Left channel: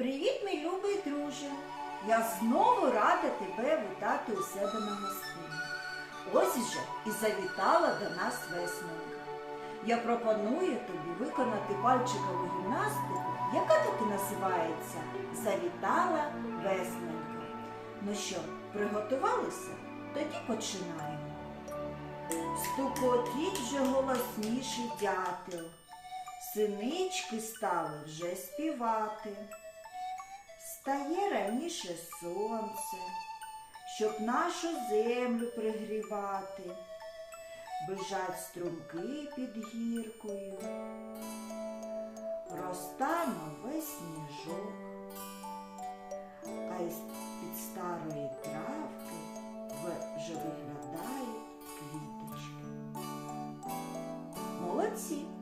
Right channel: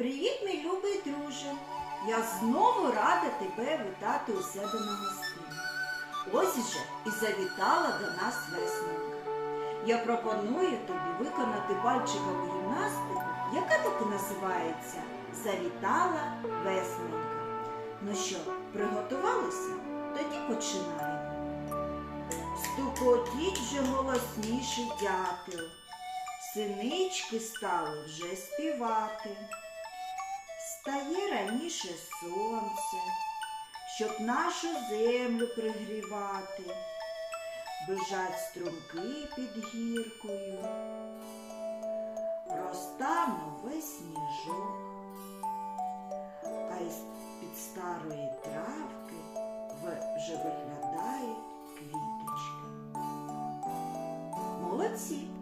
Привіт, мій любий друже! Я знову рада тебе вітати у себе на гостині. Ось же і завітала до нас веснонька. Я пропоную тобі виконати пальчикову гімнастику, яка так і називається Завітала веснонька. Ну що, приготувалися? Тоді починаємо. Стукотіть вже голосніше дятел. Синички стали вже співати. Стає раніше сонце, щоб нашу землю пригрівати, бежать струмки під гіркою, Роста весь сніжок, а із під старої травки вже виглядають квіточки. Молодці!